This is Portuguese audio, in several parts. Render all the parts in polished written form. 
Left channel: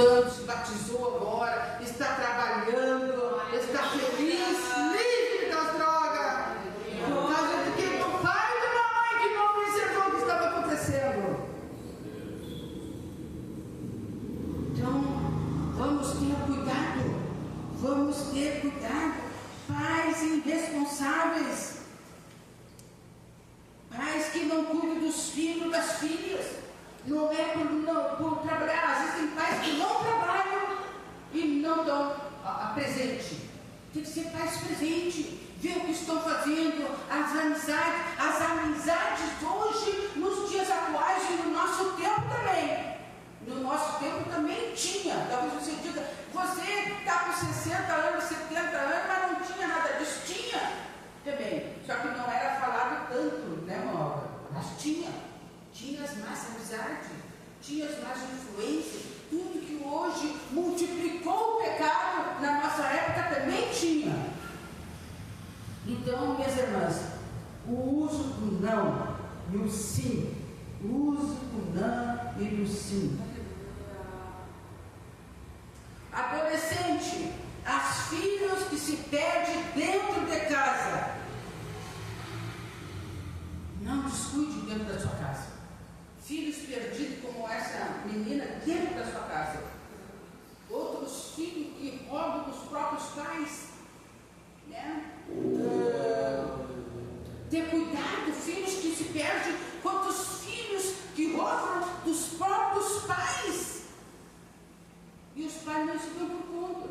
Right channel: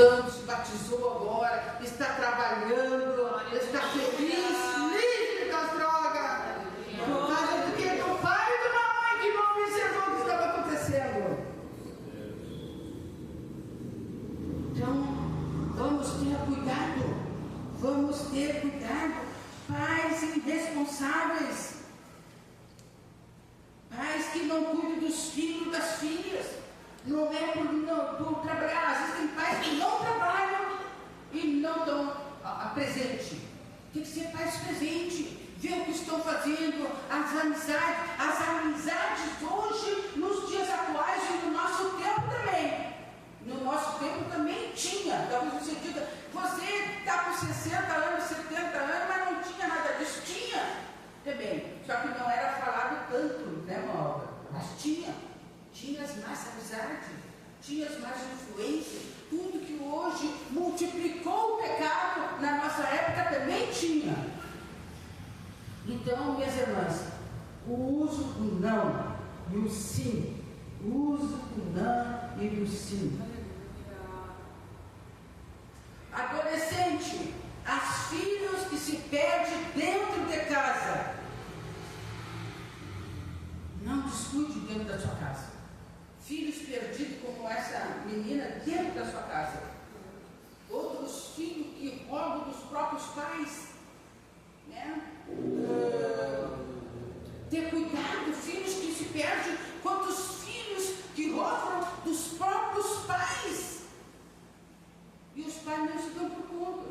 lutando, se batizou agora, está trabalhando, está feliz, livre das drogas, por causa de que do pai e de uma mãe que não observou o que estava acontecendo. Então, vamos ter cuidado, pais irresponsáveis, pais que não cuidam dos filhos, das filhas, não é por trabalhar. Às vezes tem pais que não trabalham e não dão a presente. Tem que ser pais presentes, ver o que estão fazendo, as amizades hoje, nos dias atuais e no nosso tempo também. No nosso tempo também tinha. Talvez você diga, você está com 60 anos, 70 anos, mas não tinha nada disso. Tinha também, só que não era falado tanto, né, Maura? Mas tinha as más amizades, tinha as más influências, tudo que hoje multiplicou o pecado, na nossa época também tinha. Então, minhas irmãs, o uso do não e o sim, o uso do não e do sim. Adolescente, as filhas que se perdem dentro de casa. Não descuide dentro da sua casa. Filhos perdidos como essa menina dentro da sua casa. Outros filhos que roubam dos próprios pais, né? Ter cuidado, filhos que se perdem. Quantos filhos que roubam dos próprios pais? E os pais não se dão por conta.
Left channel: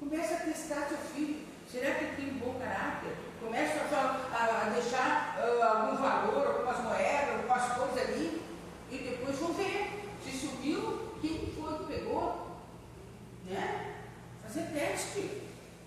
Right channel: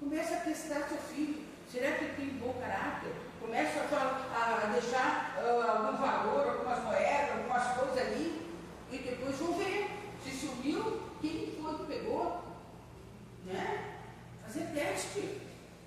Começa a testar seu filho. Será que ele tem um bom caráter? Começa a deixar algum valor, algumas moedas, algumas coisas ali. E depois vão ver se sumiu, quem foi que pegou. Né? Fazer teste.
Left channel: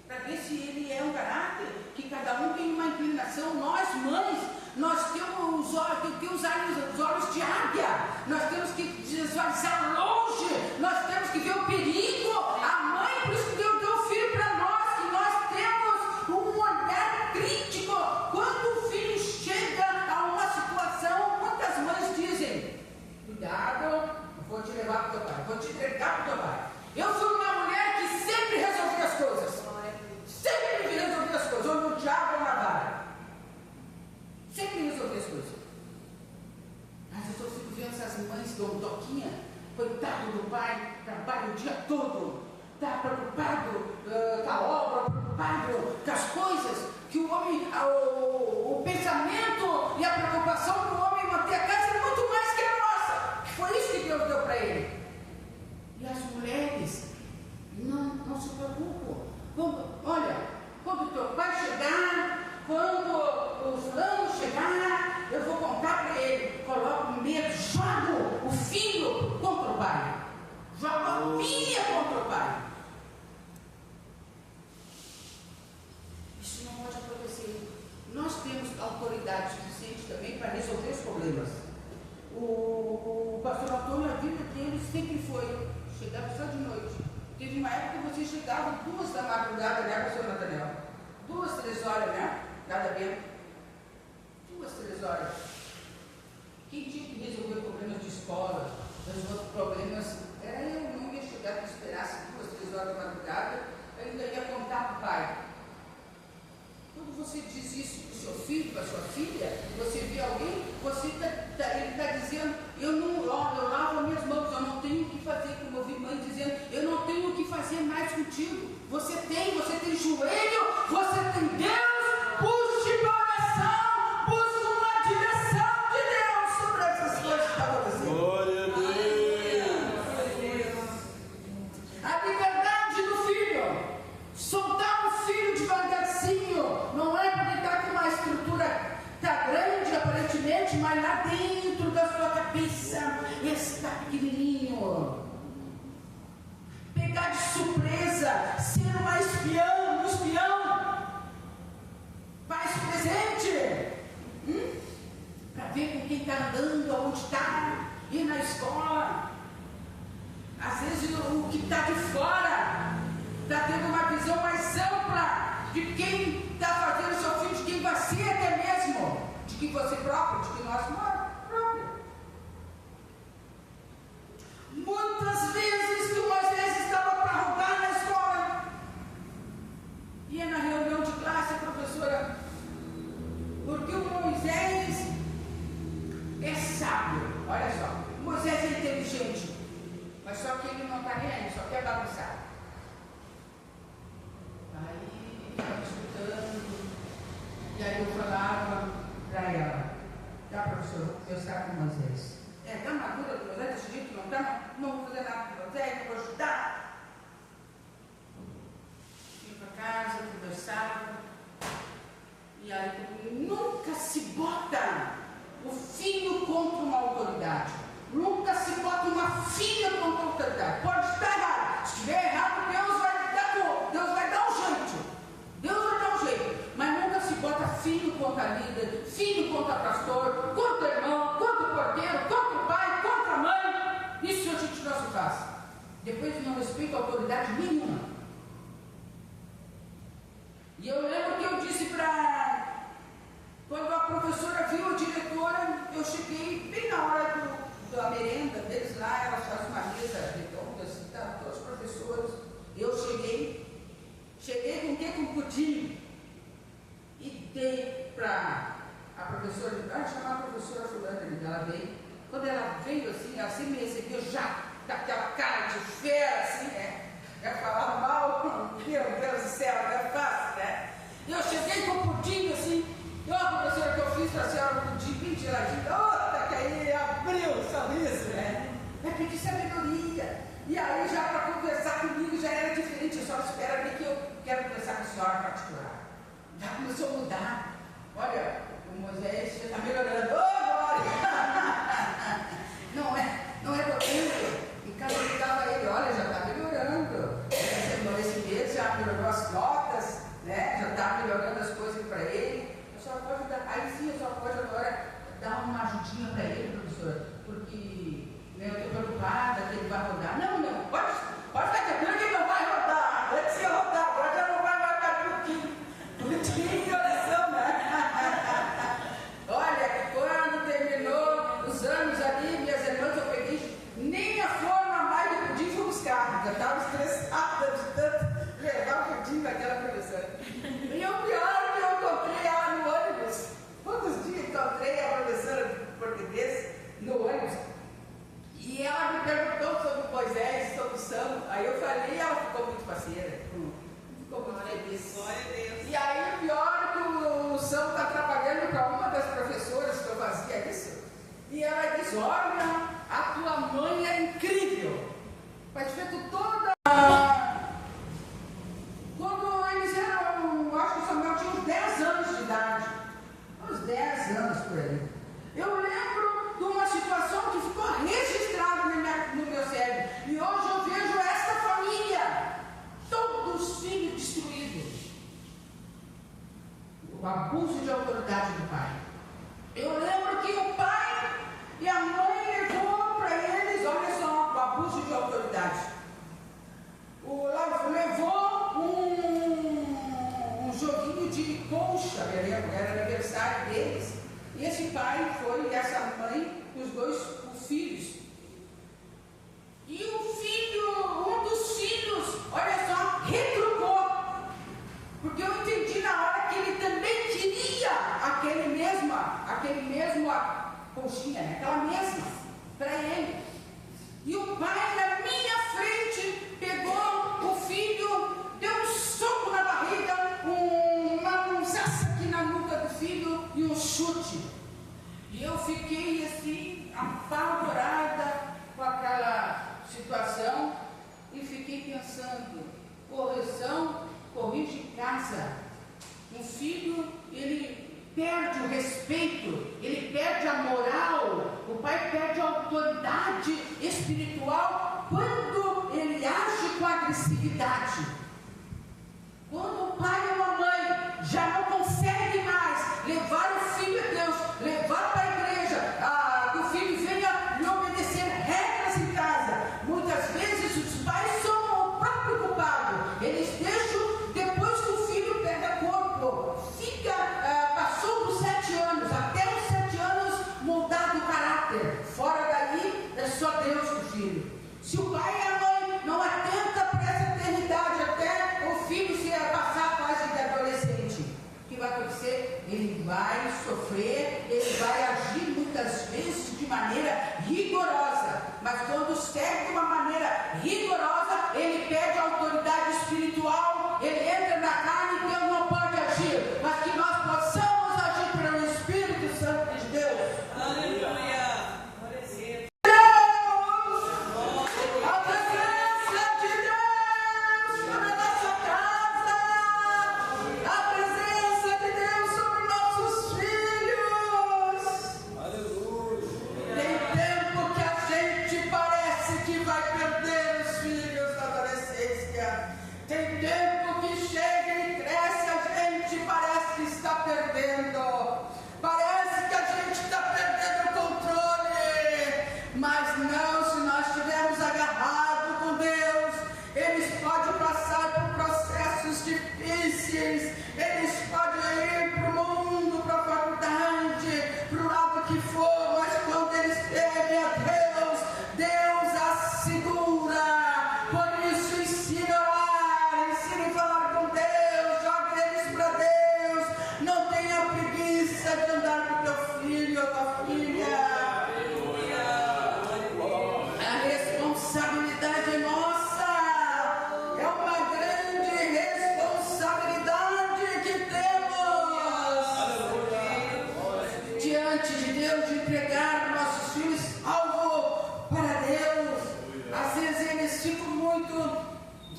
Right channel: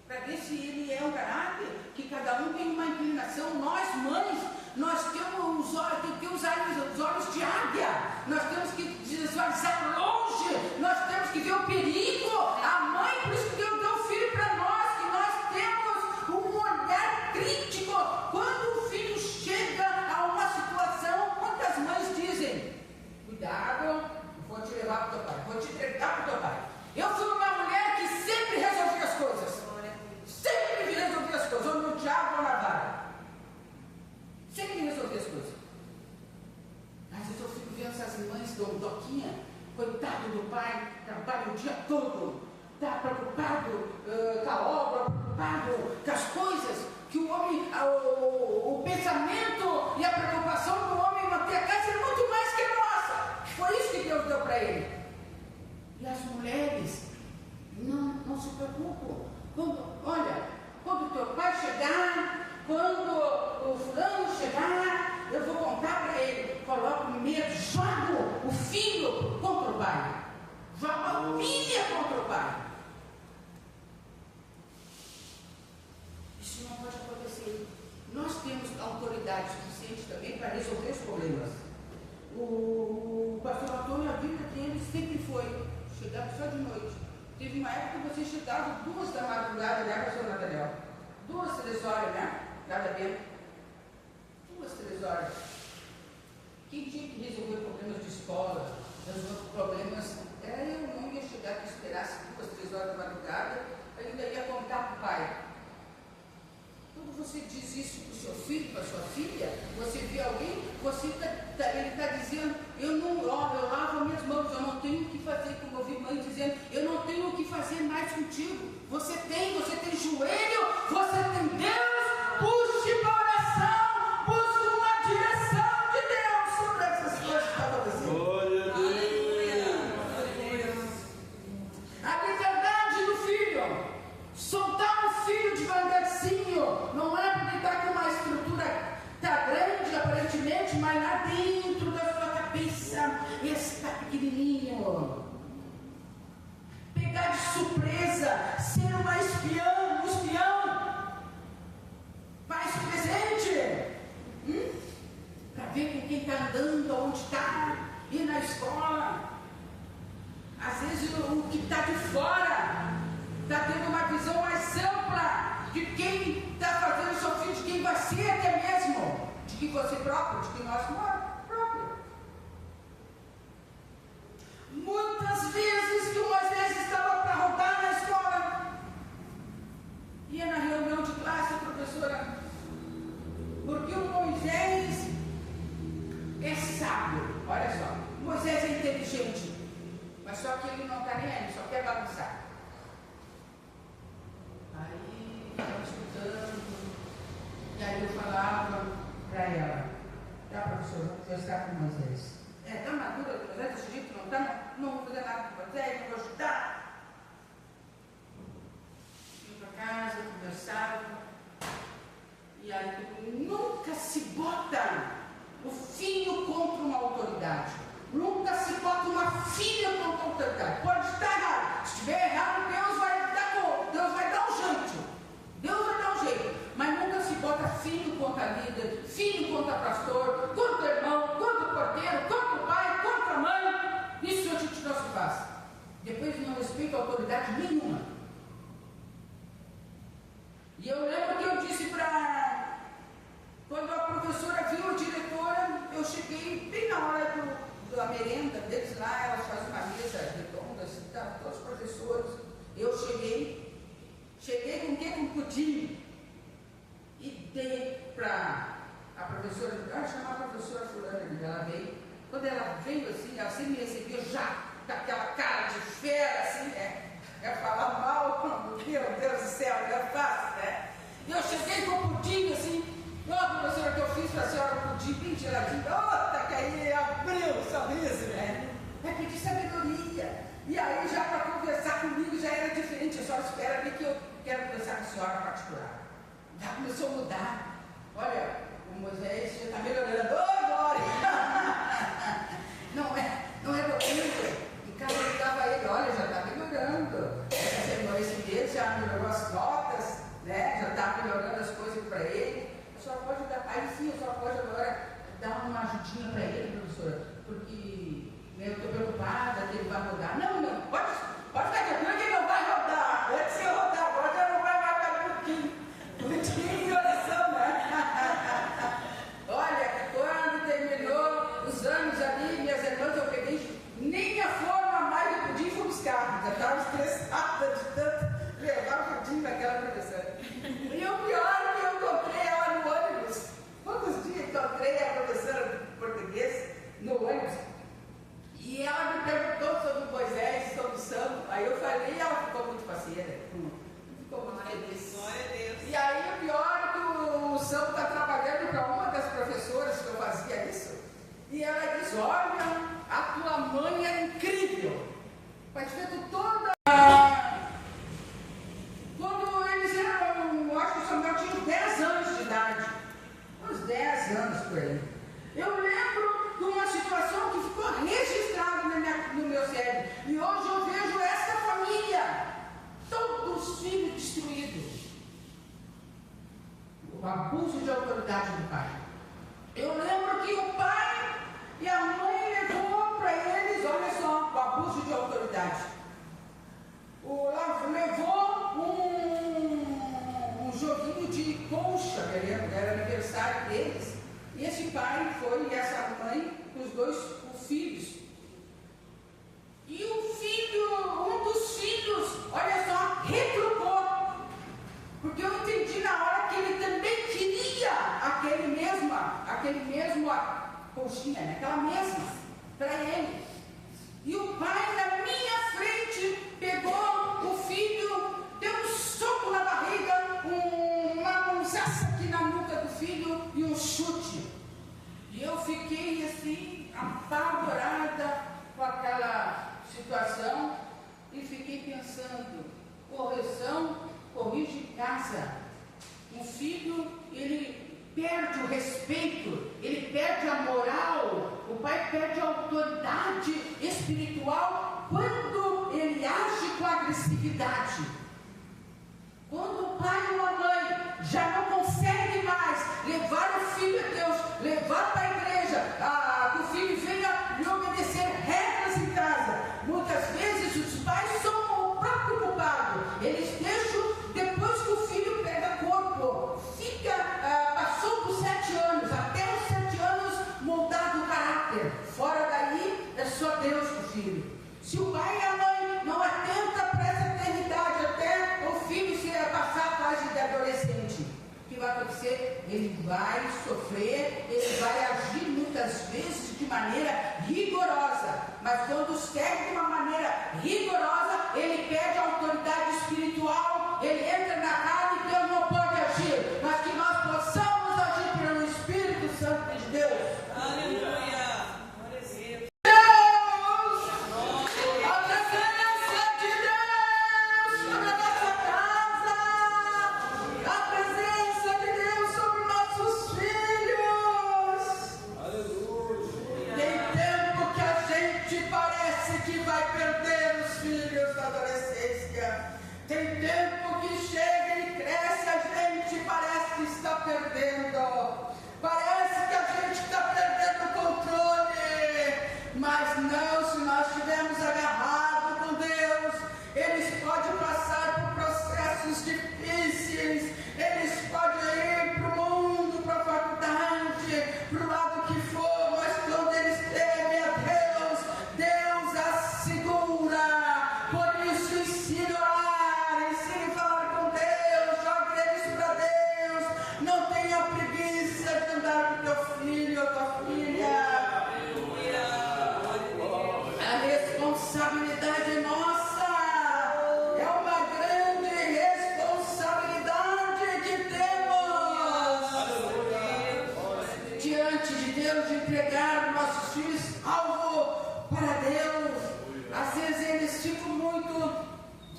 Para ver se ele é um caráter, que cada um tem uma inclinação. Nós, mães, nós temos os olhos de águia, nós temos que visualizar longe, nós temos que ver o perigo. A mãe, por isso que Deus deu o filho para nós, que nós temos um olhar crítico. Quando o filho chega a uma situação, quantas mães dizem, cuidado, vou te levar para o teu pai, vou te entregar para o teu pai. Eu fui uma mulher que sempre resolvia as coisas. Sempre resolvia as coisas, ou no diabo ou na vara. Sempre resolvia as coisas. Às vezes eu fico vendo essas mães doquinha, coitado do pai, trabalha o dia todo, está preocupado com a obra, preocupado com as coisas, que o homem, o pensamento e a preocupação do homem manter a casa é muito mais que a nossa. Foi isso que Deus deu para ele. E as mulheres não se preocupam. Quando o teu pai chegar, quando o fulano chegar, eu vou contar para ele. Coloca o medo, joga o filho contra o pai, joga a filha contra o pai. Isso não pode acontecer. Nós temos autoridade suficiente também para resolver os problemas. O pastor Antônio, a vida dele sempre foi chegar só de noite. Teve uma época que você chegava 2 da madrugada, né, pastor Nathaniel? 2, 3 horas, né? Nada bem. 2, 3 horas. Quem tinha que resolver problemas de escola, resolver problemas, eu não ia chegar que esperasse 2, 3 horas da madrugada, eu ainda ia contar para o pai. Quando você diz isso para o seu filho, para a sua filha, você vê alguém, ele está dizendo, eu lavo as minhas mãos, eu não tenho o que fazer, como eu vi mãe dizendo, eu não tenho o que fazer mais contigo. Você tem joelho, você tem Deus, busque uma oração, busque uma direção de Deus sobre essas coisas que estão acontecendo. Glória a Deus. A liberdade do filho, soltar o filho devagarzinho, não é porque está com uma estrutura, está grande aparentemente, mas lá dentro da sua cabeça está pequenininho. Pegar de surpresa, ser um espião, faz presente, para ver com quem está andando, onde está, ir na escola. Às vezes o que está de fora está tendo uma visão mais ampla de quem está fazendo seu filho, de quem vai ser até mesmo, de que você próprio, de que nós próprio. Muitas vezes que Moisés que ele não está nem aí, só quer bagunçar. Aí, estudando, e aí eu falava para ela, tá, professor, eu sabe com Moisés. Está madura do Moisés, desse jeito, não está? Não vou fazer nada com Moisés, não vou ajudar. Ia para casa, conversava, e aí nunca se bota o filho contra uma autoridade. Nunca se bota uma filha contra a autoridade. Pode estar errado. Se estiver errado, Deus vai dar um jeito. Deus vai dar um jeito. Mas nunca se bota filho contra líder, filho contra pastor, contra irmão, contra porteiro, contra o pai, contra a mãe. Isso a gente não se faz. Depois não respeita a autoridade nenhuma. E eu lembro que eu disse para... Quando a professora viu a diretora, eu cheguei bem na hora da merenda deles lá, elas fazem uma mesa redonda, assim, tá, todos os professores. Eu cheguei com o quê? Com um pudim. E dei para a professora, chamar a professora fulana, ela veio. Quando ela veio assim, ela sempre me recebeu já com aquela cara de fera, assim, né? Ela falava mal, meu Deus do céu, não é fácil, né? E eu cheguei com o pudim assim. Eu, a professora que eu fiz para a senhora um pudim bem geladinho, outra que aí abriu o sorriso, né? É pedir sabedoria. E aí já para conversar comigo já era diferente. A senhora espera ver que eu quero conversar com a senhora particular. Já começou a mudar. Olha, o Moisés já está melhorando. Ô, glória! Não é doutor. Em casa eu ligava ele, olha, já está melhorando. Esse mês já melhorou as notas, né? Já está melhorando as coisas para ele. A senhora pode dar, aí sim, a senhora pode agora dar uma ajudinha para ele, professora, porque eu estou preocupada que ele vai rodar. Não, pode ficar tranquilo que não vai rodar. Antes de eu rodar, agora já não vai rodar pudim de oração, né? Olha, quando terminou os anos ali, minhas irmãs, eu peguei nem a forma mais do pudim fui buscar. Já estava estressada de tanto levar o pudim naquela professora. E o pior é que eu encontrei ela no ônibus. Quantos dias encontrei a professora de português no ônibus? E ela me perguntou sobre Moisés, sobre o São. Aí eu falei e ela ficou muito parceira. Ficou muito feliz. E aí o pior é que o São está trabalhando para uma das professoras que eu fazia isso. E ela disse, olha, a tua mãe é incrível. Faz feito toda... Quando eles eram, acho que o Samuel tinha uns 10 anos de idade. Uns 10 anos por aí. Eu lembro de uma situação que ficou registrada no meu cérebro. E hoje eu vejo essa família, todos os filhos destruídos. O abuso de autoridade do pai. Eu lembro que o pai e a mãe levou para eles, olha só, o abuso de autoridade. Levou um joguinho de concha, eu lembro, era aniversário deles. E esse pai foi, e essa mãe, os dois filhos. E o filho, um dos filhos, olha só, retrucou. Porque eu entendi na hora que ele também queria aquele mesmo conchinha, né? Aquela mesma, para ele. E o pai, na minha frente, pegou o filho, deu um soco na barriga, uma mãozaça aqui na nuca do filho e um chute. E eu fiquei assim, apavorada com aquela situação e fiquei pensando, correção, corrige em casa. Um filho, ele perde o respeito, ele perde a moral, o pai perde a autoridade espiritual quando ele age com agressividade. Quando o pai ou a mãe já não consegue mais levar o filho a Deus, levar para a igreja, que o filho venha lhe obedecer regras em casa, muitas vezes os pais são o próprio culpado. Eles deixam, depois que o filho pega corpo, passou dos 7 anos, até os 7 anos moldado o caráter. Fora daí é só Deus com o filho. Se o pai e a mãe não atentam para essa eternidade, rigorosa, ele perde a autoridade espiritual, ele entra na carne e Deus não pode agir, mas que nós possamos agir pelo Espírito Santo de Deus. Aleluia. Tem tempo que chega e cresce, a gente parece que está perdendo. Parece que a gente está perdendo o controle. Mas não, se nós estivermos agarrados com Deus, eles podem passar por processos difíceis, eles podem ir para o mundo, para a faculdade, para o lado que for, mas quando eles temem a Deus, Deus assegura. Por isso ensina a orar, ensina a falar com Deus, jogue eles para Deus. Não tenha preguiça de andar com teu filho ou tua filha. A responsabilidade é nossa, é uma grande responsabilidade que temos diante de Deus, de entregar nossos filhos alvo para Deus. Às vezes eles ficam muito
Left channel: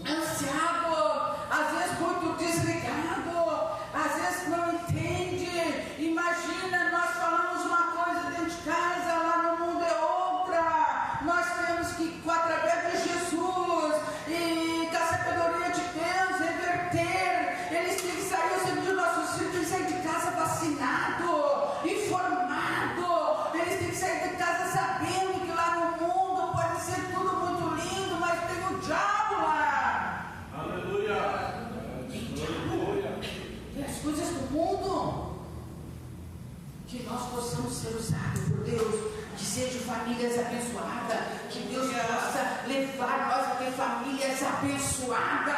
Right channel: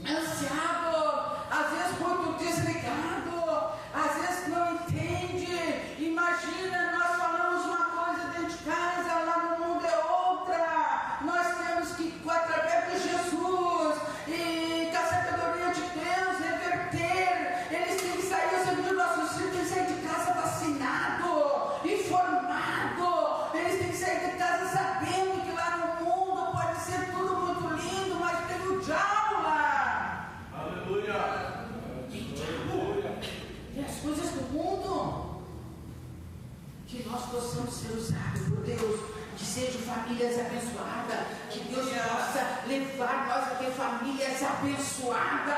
ansiados, às vezes muito desligados, às vezes não entendem. Imagina, nós falamos uma coisa dentro de casa, lá no mundo é outra. Nós temos que, através de Jesus e da sabedoria de Deus, reverter. Eles têm que sair, os nossos filhos têm que sair de casa vacinado, informado. Eles têm que sair de casa sabendo que lá no mundo pode ser tudo muito lindo, mas tem o diabo lá. Aleluia. Tem diabo. Tem as coisas do mundo. Que nós possamos ser usados por Deus, que sejam famílias abençoadas, que Deus possa levar nós a ter famílias abençoadas.